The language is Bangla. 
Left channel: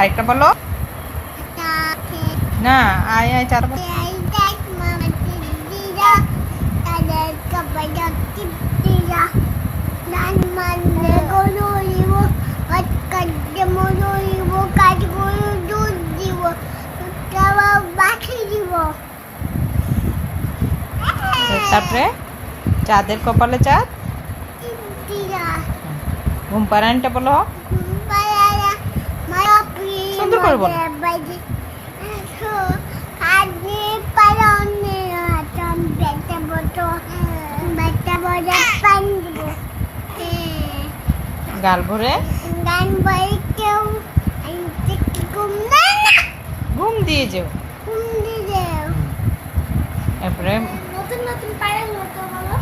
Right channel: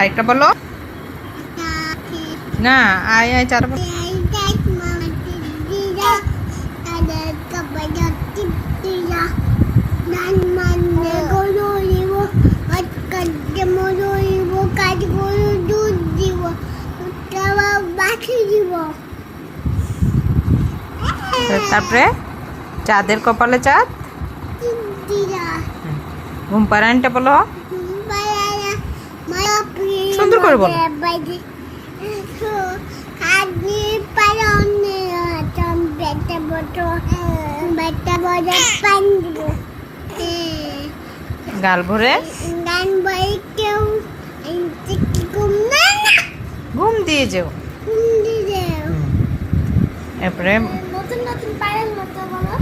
আরেকটা বলো না। আয় আয় চার বলো। তারপরে চাঁদের কপালে চাঁদ। ঘুম পাড়ানটা বলো সুন্দর করে বলো। গাল ভরে ঘুম দিয়ে যাও। এরপরে নতুন নতুন পায়ের মতো বলো।